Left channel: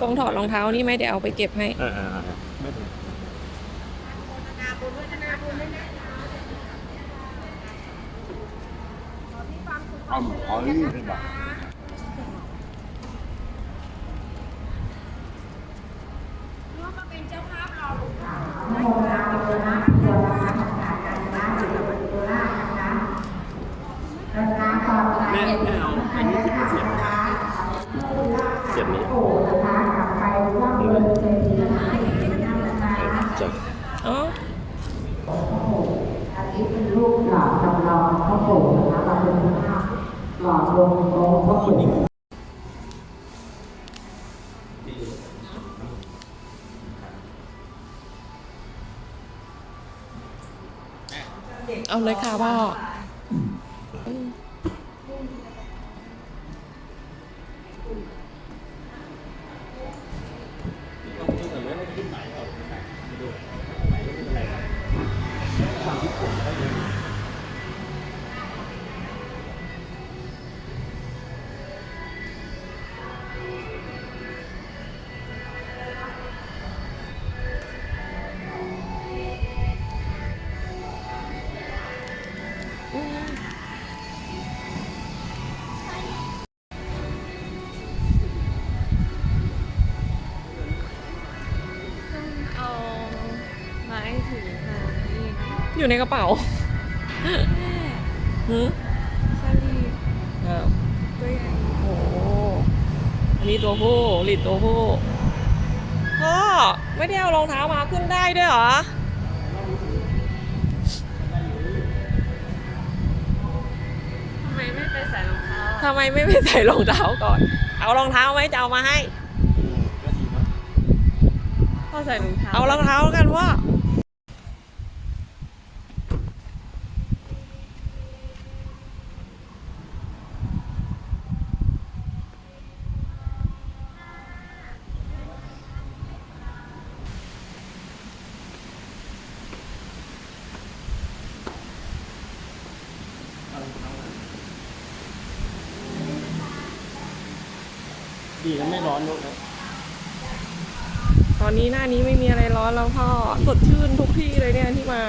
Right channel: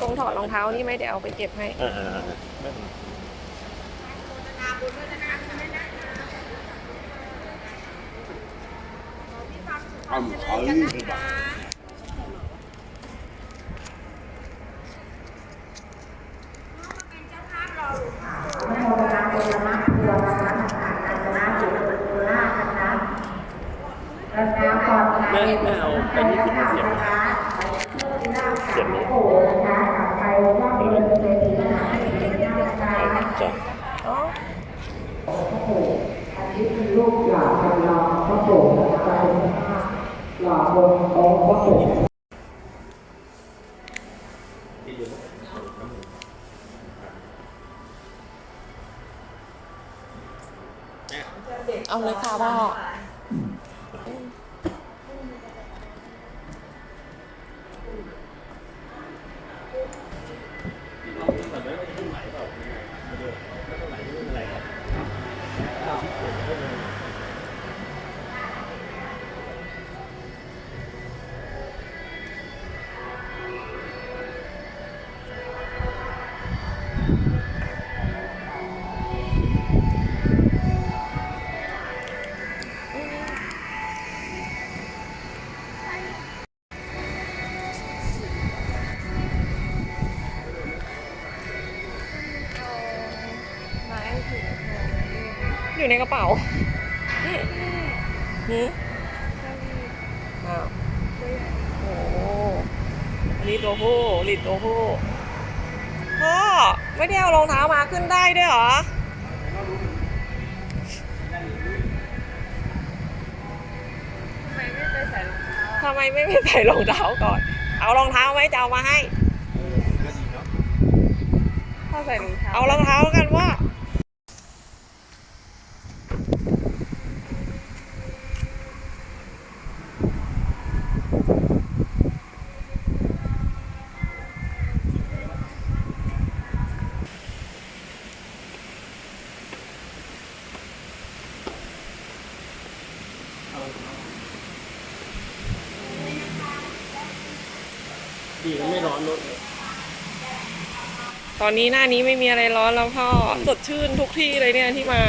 กงถอดรองเท้านี่ไหมเดี๋ยวเอาไปเก็บให้ เออเออเออไม่เป็นไรเอาเอาอีกดีกว่าแม่แม่เอาอันนี้ที่เสียบเสียบนี้จ้ะอ๋ ออันนี้เป็นรูปหล่อจำลองพ่อปู่นะคะเราเป็นภาพหล่อวงองค์พ่อปู่เอาเลยค่ะพ่อ อยู่ในกระเป๋าหืมอ๋อโอ้โหอันนี้ตัวผู้ลิดตัวผู้พ่อไม่ได้เอารองเท้ามาขึ้นได้ด้วยเหรอทำไมไม่ไปใส่รองเท้าทำไมไม่ไปใส่รองเท้าก่อน เอารองเท้าไหมจะเอามาให้ก็ดีเนาะพ่อใส่รองเท้าเอารองเท้ากันว่า ดีมันไม่ร้อนรถเลยตอนนี้หน้านี้ไม่มีอะไรร้อนแล้วพ่อสดชื่นทุกที่เลยเนี่ยที่มา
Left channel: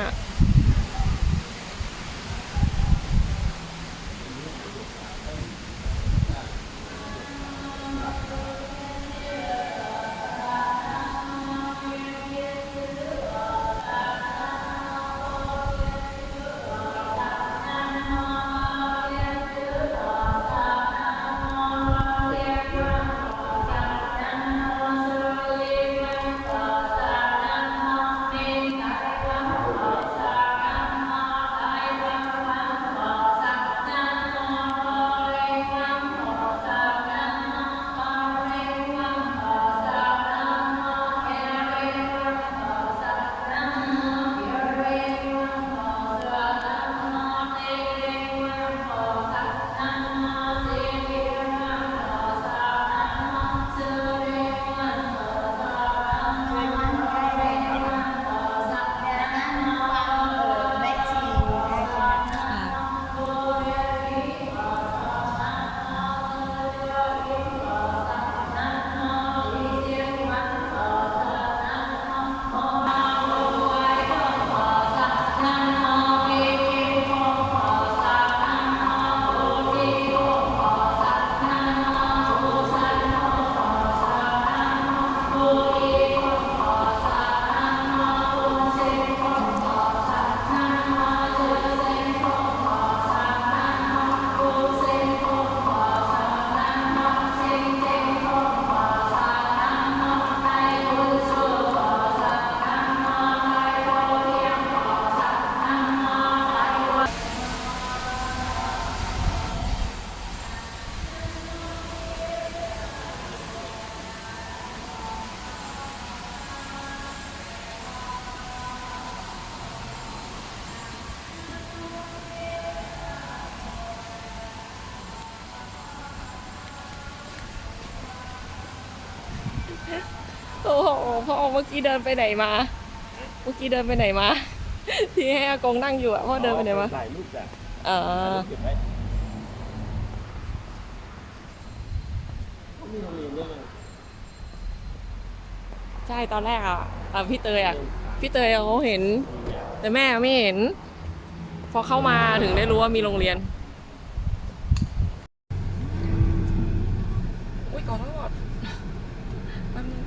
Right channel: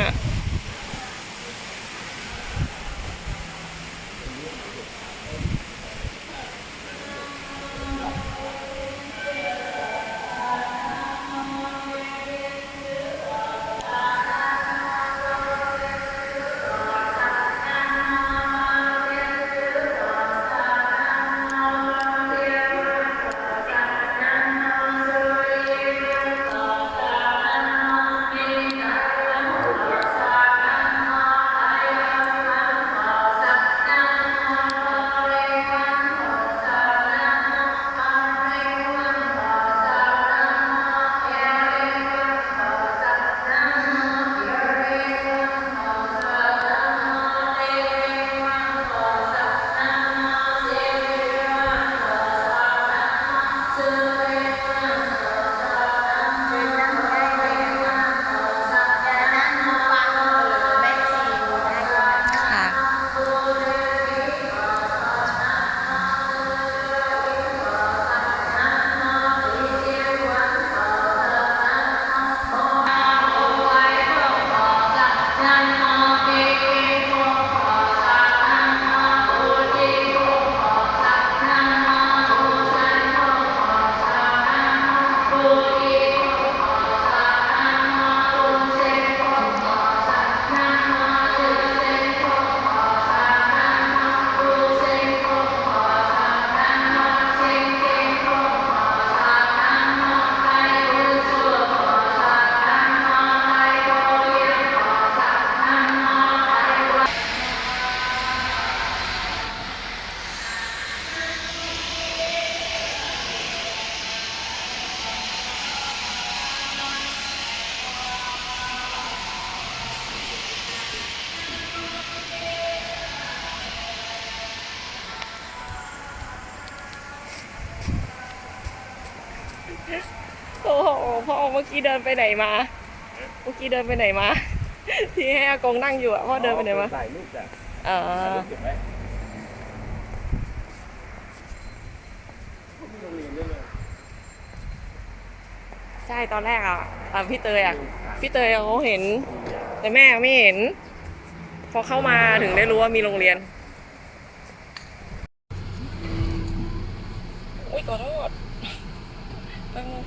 โอ้โหพ่อเมื่อกี้เดินไปไหนมา เมื่อกี้เดินไปไหนมา ที่ให้อากงนั่งอยู่อะพ่อเดินไปไหนมาถ่ายรูปจ้ะเอถ่ายอรูปเก็บไว้มีโรงเรียนด้วยไงใช่ตอนแรกอะอะพี่เตยอะพี่เตยเขาเห็น แต่แม่ไม่เห็น พอเข้ามาถึงได้รู้ว่ามีโรงเรียนอุ้ยขอโทษแป๊บนึง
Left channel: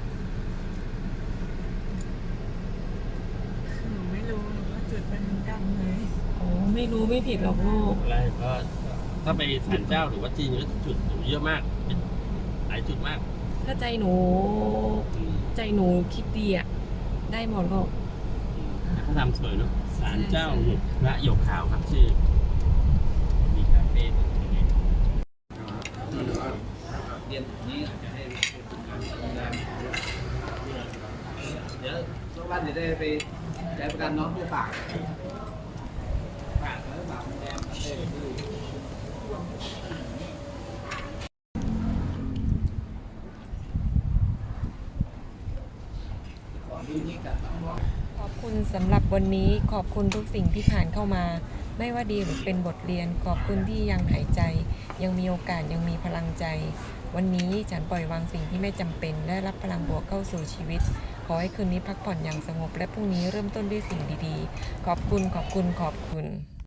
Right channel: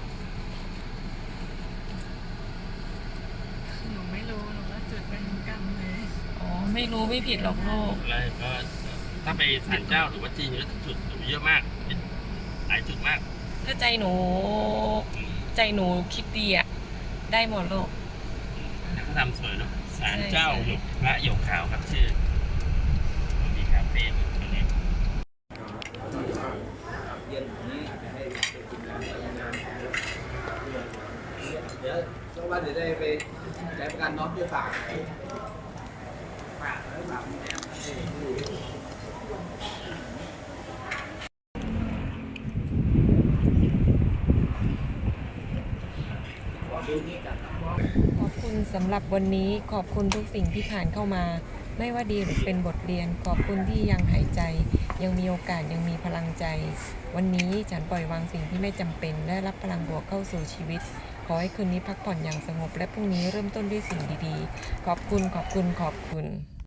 หนูไม่รู้หนูก็จุดเป็นกรรมเลย อ๋อ ไม่รู้ไม่ผิดหรอกลูก อะไรก็ถ้าไปศาลเจ้าหรือว่าจีนก็จุดหนูเยอะมากหลายจุดมากถ้าใจหนู อืมใจหนูคิดดีอะได้หมดโลกเขาทำสวยเนาะศาลเจ้าใช่หยกพระหยกขาวครับชื่อมีคาเฟ่ตรงนี้เดี๋ยวสักวันเดี๋ยวได้ไปใช้ประกันน้องผู้ฝากฝากแล้วฝากแม่เอ้ย ขอบคุณสำหรับวันนี้ขอบคุณทุกสิ่งที่ผ่านเข้ามา ไม่ว่าดีหรือเป็นบทเรียน ขอบคุณที่ยังหายใจ ยังมีโอกาสยังมีพลังใจ วันนี้ฉันปล่อยวางสิ่งที่ไม่จำเป็น และรับพลังบวกเข้าสู่ชีวิต ขอให้คืนนี้พักผ่อนอย่างสงบและพรุ่งนี้เริ่มต้นด้วยสิ่งดีๆ ขอบคุณขอบคุณขอบคุณ